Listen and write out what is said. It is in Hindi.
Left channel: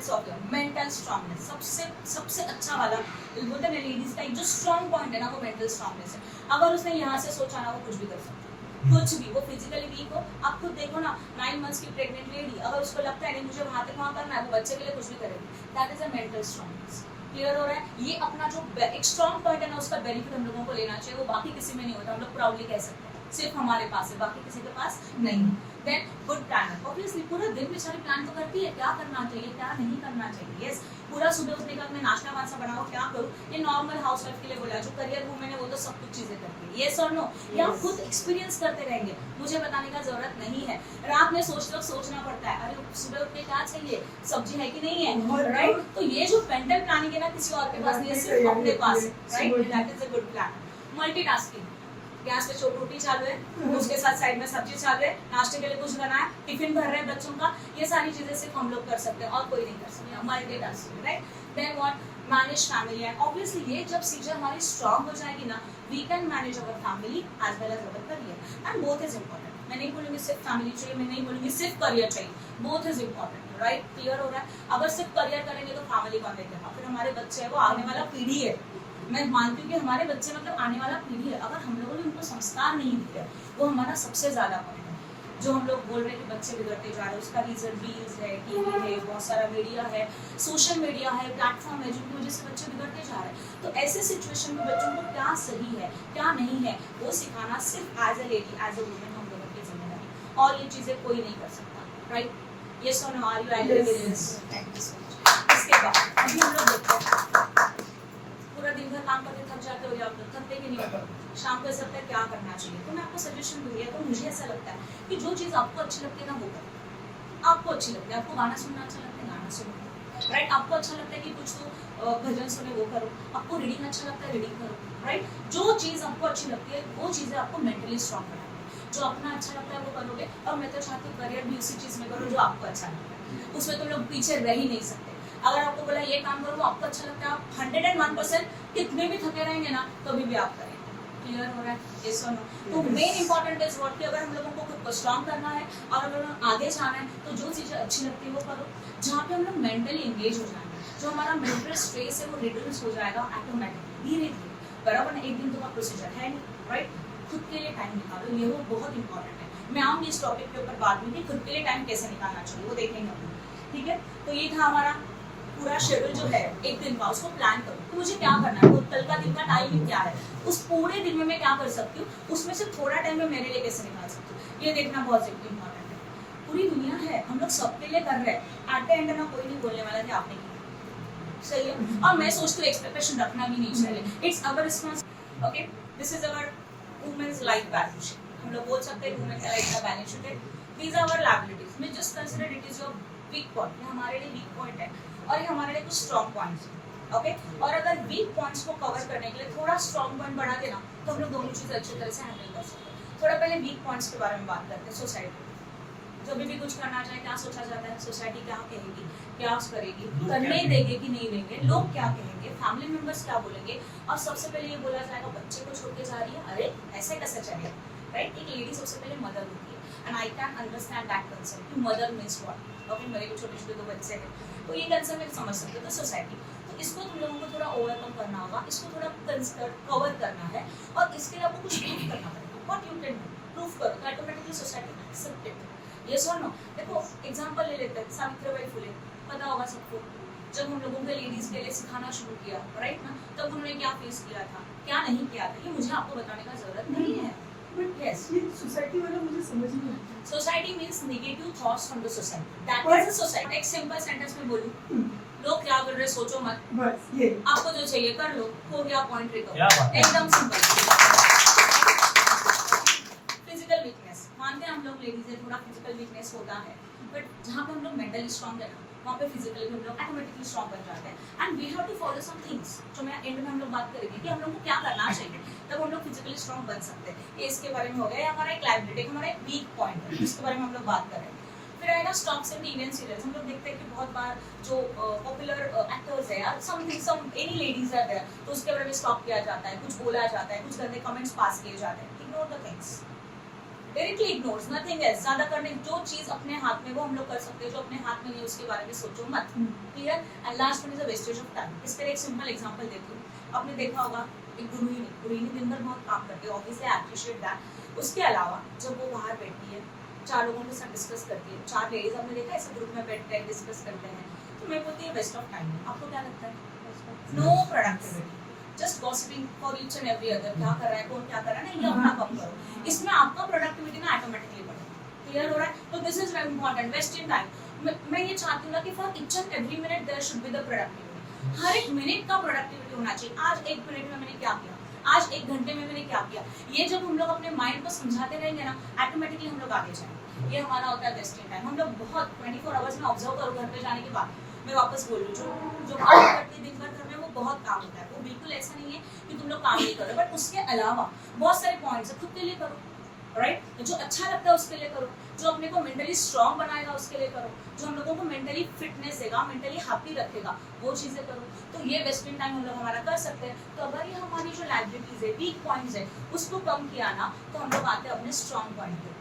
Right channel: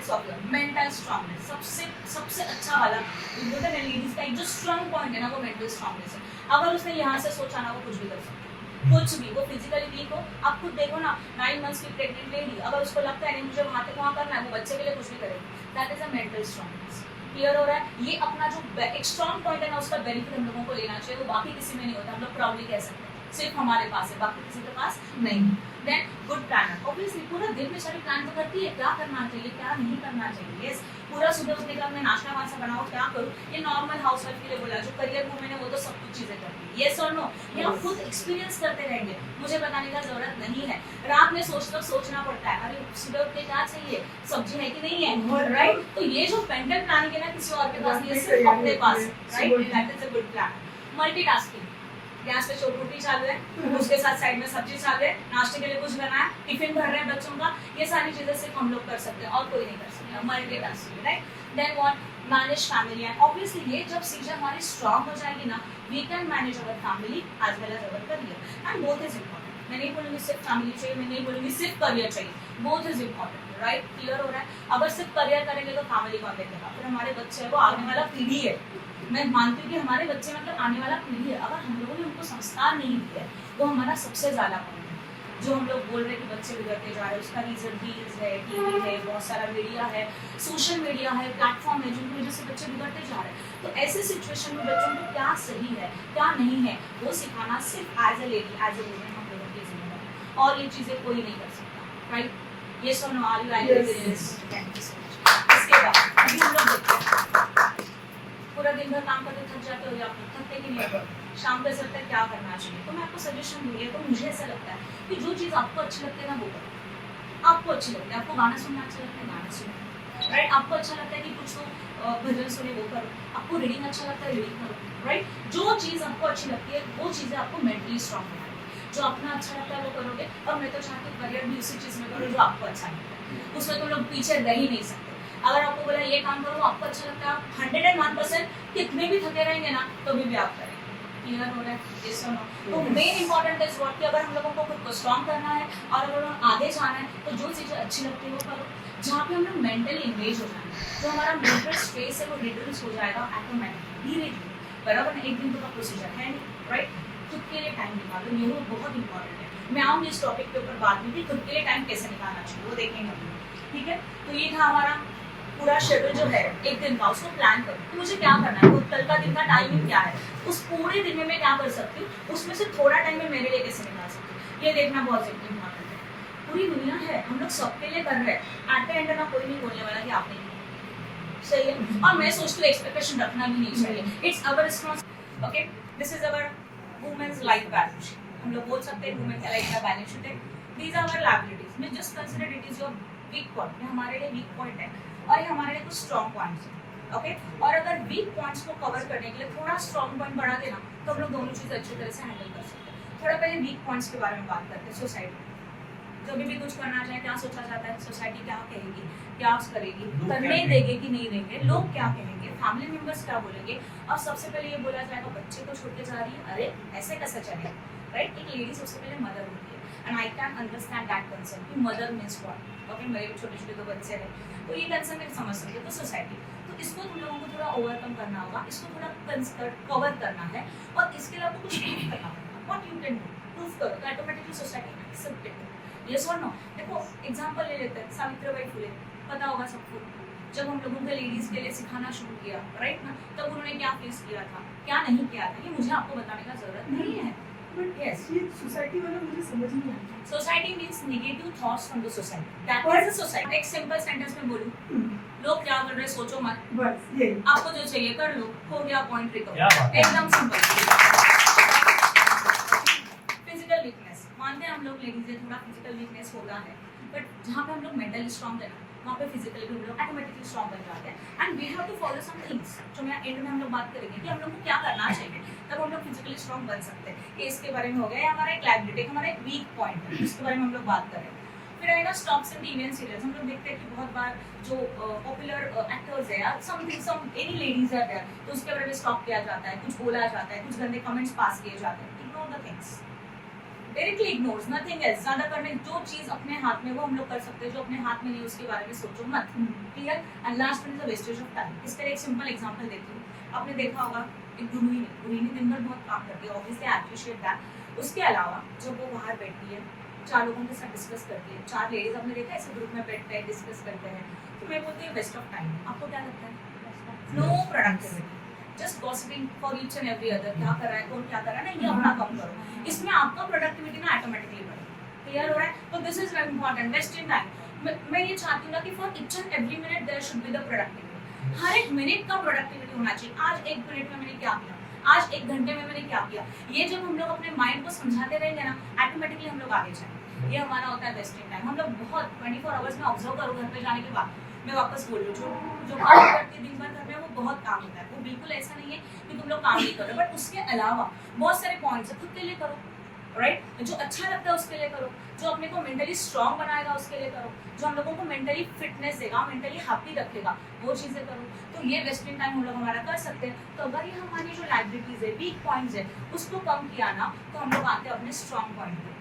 Aspects of your mental strongness, सबसे सबसे अच्छा वाला बोलते हैं लेडीज का एक जो स्ट्रांग पॉइंट है ना वो मेंटल स्ट्रांगनेस है। अगर उसने यहाँ से सोचा ना वो कुछ भी कर सकती है, कुछ भी, वो फिजिकली वीक हो, आप खुद देखो ना 9 मंथ्स की प्रेग्नेंट लेडी, अगर उसको लगता है नहीं मुझे वहां तक वहां करना है, वो बच्चे के लिए कुछ भी करेगी। That is a mental strongness. Clear हो रहा है? ये अपना जो एक स्ट्रांग पॉइंट है ना उसका बेनिफिट हम लोगों को लेना चाहिए, वो बाकी किसी में नहीं होता, हम लोग प्राउडली कह सकते हैं सिर्फ हमारे पास है, बाकी किसी के पास नहीं है। देन गुड प्लानर, ऑब्वियसली पूरा दिन बेचारी प्लान तो करती है क्या करना चाहिए क्या नहीं करना चाहिए। यस, पूरा सुबह उठने का मैं नाश्ता वास्ता बनाओ क्या करूँ, ये नॉर्मल हाउसवाइफ के लिए बोला, जो करियर वूमेन है वो तो सब कुछ चीजें करती है। यस और नो, ये आप खुद एक्सपीरियंस करते रहेंगे, मुझे बताने का जरूरत नहीं है। रात में सोचना पड़ता है, अरे सुबह उठ के क्या चाहिए, सब्जी है कि नहीं है, राइट? तो ये जो मेंटल प्लानिंग है ना किसी और के पास नहीं, सिर्फ अपने पास, right? That is a good plan. Multitasking, gas पे रोटी चालू है, उसके साथ साइड में सब्जी चालू है, नाश्ते के लिए कुछ बनाया, टिफिन भर रहे हैं बच्चों का, ये सारी चीजें सिर्फ हम लोग कर सकते हैं और कोई नहीं कर सकता। Multitasking, right? Then what, manage family and obviously ये जब चीजें हमारी स्ट्रांग हो जाएगी ना, we can manage our family as well as our career and both is important. मैं नहीं बोलूंगी सिर्फ फैमिली चाहिए, मैं नहीं बोलूंगी सिर्फ करियर चाहिए, both is important, right? Clear हो रहा है? अगर सिर्फ करियर करेंगे तो फैमिली कौन देखेगा? फिर हमारे बच्चे हैं वो आने वाला पीढ़ी है, मैं मानती हूँ कि हमारे बच्चे मतलब आने वाला पीढ़ी है, अगर हम लोगों ने उनको संस्कार नहीं दिया वो हमारा सबसे ज्यादा पॉइंट है। जो हम लोग बोल रहे हैं कि बच्चे बिगड़ते जा रहे हैं, उसका रीजन रील्स है, टीवी है, बहुत सारा मीडिया है, सोशल मीडिया है, प्लेटफॉर्म है, जिनकी वजह से बच्चे बिगड़ते जा रहे हैं। तो ऐसे सिचुएशन में बच्चों को क्या सही है क्या नहीं है वो सिखाना सिर्फ as a lady, as a woman हम लोगों की जिम्मेदारी, और ये चीजें कोई नहीं कर सकता, राइट? ये so no, are you agree with this? Thank you so much. इसके बाद अभी हम लोग देखते हैं पूरा दिन भर काम करते थक जाते हो या फिर थकते कि नहीं हो, शाम को ऐसा लगता है क्या करना चाहिए, तो मैं आपको सजेशन दूंगी। तो मुझे ऐसा लगता है कि जो चीज़ आपको अच्छी लगती है ना वो करो, आपको अच्छी लगती है, आपको गाना सुनना अच्छा लगता है गाना सुनो, राइट? आपको अच्छा लगता है कि कुछ तो भजन सुने वो करो, आपको रीडिंग अच्छा लगता है रीडिंग करो, राइट? जो चीज़ आपको अच्छी लगती है वो चीज़ें आपको मेंटली स्ट्रॉन्ग बनाएंगे। जो अपना अच्छा लगता है वो करोगे, और मैं तो चाहती हूँ करियर भी उसी चीज़ में करो जो आपको अच्छा लगता है, उसमें तुम लोग पीछे रह ही नहीं सकते। अगर आपको बोला ये काम करो आपको अच्छा लगता है, आप 101% कितने भी थके रहेंगे ना कभी भी आप करेंगे। क्लियर हो रहा है? यस और नो? तो मेन इंपॉर्टेंट इज व्हाट कि अगर हम लोगों को खुद को स्ट्रॉन्ग करना है और अगर आगे जाना है तो जो चीज़ें अच्छी लगती है वो करो, जहाँ पे हम लोग मेंटली एंगेज हो जाएंगे, जो हमारा मेंटल स्ट्रेस है वो रिड्यूस हो जाएगा ऑटोमेटिकली, धीरे धीरे, बराबर ना? एक दिन तो का प्रोसीजर है नहीं, राइट? खुद के लिए टाइम निकालो, ये बहुत इंपॉर्टेंट है। मैं आऊँगी इस टॉपिक के ऊपर बाद में कि खुद के लिए टाइम कैसे निकालना चाहिए, वो देखेंगे हम, ठीक है? तो ये था हमारा पूरा शेड्यूल जो है एक दिन का, उसको प्लान करो कि मुझे क्या करना है, तो कल का दिन का टाइमिंग क्या है, उस पूरे दिन में मैं क्या कर सकती हूँ, उसमें से थोड़ा टाइम मैं मेरे लिए कैसे निकाल सकती हूँ, ये देखना बहुत इंपॉर्टेंट है। पूरी दुनिया है, हम लोग सबके लिए कर रहे हैं, एट द एंड ना कोई नहीं बोलने वाला कि आप नहीं, सही है? और मैं सोचती हूँ एक्सपेक्टेशन रखना भी नहीं चाहिए, it's our responsibility. Okay, this is our women's life balance sheet, हम लोग बोल सकते हैं वुमेन का लाइफ का बैलेंस शीट है। These are our liabilities, we just consider it is your weak point, ये हमारे लिए वीक पॉइंट है और ये हमारे लिए कुछ स्ट्रॉन्ग पॉइंट्स हैं, ओके? और अगर वीक पॉइंट्स को कवर करने के लिए थोड़ा स्ट्रॉन्ग पॉइंट बढ़ा देना तो हम लोग दोनों चीज़ें अच्छी तरह से हैंडल कर सकते हैं। थोड़ा पहले वीक पॉइंट्स के बारे में बात करते हैं। सोसाइटी जब भी कुछ करना चाहे क्या सोचा जाता है, सोसाइटी क्या कहेगी, क्या करेगी, करने देंगे कि नहीं देंगे, लोग क्या कहेंगे, फैमिली मेंबर्स क्या बोलेंगे, और सबसे पहले ये बोला जाएगा बच्चे को छोड़ के जा रही है, अरे ऐसे कैसे चलेगा, राइट? एक लेडी सबसे पहले मदर होती है and I can understand that concept कि मदर मीन्स व्हाट, ओके? मेरे छोटे छोटे दो बच्चे हैं तो ये कंसेप्ट में समझ सकते हो। तो सोसाइटी, तो इसको तुम लोगों को थोड़ा ओवरकम करना होगा, इसको थोड़ा कवर करना है और इसके लिए आपको कुछ प्रूफ करना पड़ेगा। What you can do, proof करो तो automatically society accept it. Yes और नो? देखो एग्जांपल ले लेते हैं, सावित्रीबाई फुले, पता होगा सबको, जब हम लोगों के लेडीज के लिए सिखाना शुरू किया, राइट ना, तब उन्होंने क्या फेस किया था, क्या नहीं किया था, ये मुझे आपको बताने का जरूरत नहीं है। बट यस, ये सोसाइटी वाला मुझे समझ नहीं आता। Society means negative thoughts from the society, that is the society. एक सिंपल सेंटेंस में बोलूं, लोग क्या कर रहे हैं सोचो मत, बस ये आपको जो चाहिए कर लो, हो गया, पॉइंट रिकवर, क्या बात है। एकदम सिंपल। फिजिकल वीकनेस, मानते हैं हम लोग लेडीज है, थोड़ा फिजिकल वीकनेस होता है, बट जहाँ पे हम लोग मेंटली स्ट्रॉन्ग है ना वहाँ पे फिजिकली भी हम लोग ऑटोमेटिकली स्ट्रॉन्ग बन जाते हैं। And we have to follow some things, जो मैं एंड में हम लोग बात करेंगे कि हम लोग को क्या करना चाहिए तब हम लोग फिजिकली स्ट्रॉन्ग बन सकते हैं। ये इसके बारे में हो गया, ये हमारा एक लायबिलिटी, हमारा एक वीक पॉइंट है, इसके बारे में हम लोग बात करेंगे। फिर आएगा स्टॉक्स एंड टीवी सीरियल्स, हम लोग देखते हैं कि बहुत बार जो पॉपुलर एक्टर्स है या समथिंग सम एनी लेडीज है देयर, तो उसके बारे में स्टॉक किया जाता है, कुछ बोला जाता है, कुछ गंदे कमेंट्स पास किए जाते हैं। Ignore the things, directly ignores, nothing else. ज्यादा करने जो चीज अपने हाथ में वो हम लोग कर सकते हैं, जो अपने हाथ में नहीं उसके बारे में सोचो मत। Clear? And last one is a wastage of time. इस पर एक सिंपल एग्जांपल देती हूँ। आपने देखा होगा एक गृहिणी दिन भर बहुत काम करती है, ऑब्वियसली आई एप्रिशिएट दैट। उसके अलावा जब वो बाहर बैठती है, 4 लोगों के साथ डिस्कस करती है, 4 लेडीज आपने देखा ऐसे ग्रुप में बैठते हैं, डिस्कस करते हैं, तो मैं बोलती है वेस्ट ऑफ टाइम। आपको क्या लगता है? No productivity, just gossiping for each and every other. क्या कर रहा है, कौन क्या कर रहा है, ना ये अपना कम करो। इसमें आपका प्रोडक्टिविटी ना ऑटोमेटिकली बढ़ेगा। क्लियर हो रहा है? तो this is very important, wasting time. मैं ये चाहती हूँ ना कि for each and every minute there should be the productivity. हर एक मिनट का प्रोडक्टिविटी होना चाहिए। आज 1 मिनट में मैंने क्या किया, आज 1 घंटे में मैंने क्या किया, ये जब हम लोग अपने माइंड को समझाते रहेंगे ना, ऑटोमेटिकली हम लोग आगे जाएंगे। ये हमारा होता है वेस्टिंग टाइम। हम लोग बहुत 24 आवर्स में ऑब्जर्व करो, घर पे जाने के बाद मैं वापस बोल रही हूँ, जो काम करती है दिन भर घर में, वो बहुत काम होता है। वो बिल्कुल ऐसा नहीं है कि तुम लोग काम नहीं करो, बट उसके अलावा बहुत सारे पॉइंट्स है, खुद के लिए करो, राइट? जो अच्छा लगता है उसके लिए करो, जो अपने को मेंटली स्ट्रांग बनाएगा उसके लिए करो, जो हम लोगों को मेंटली फिटनेस देगा, मेंटली हैप्पी रखेगा, वो चीजें करो। तो ये वेस्टिंग टाइम हम लोग हमारा कर सकते हैं। तो अगर ये हमारी जो लाइबिलिटीज है, वीक पॉइंट्स है, उसको कम किया ना, तो हम लोग आते हैं अपने स्ट्रांग पॉइंट पे।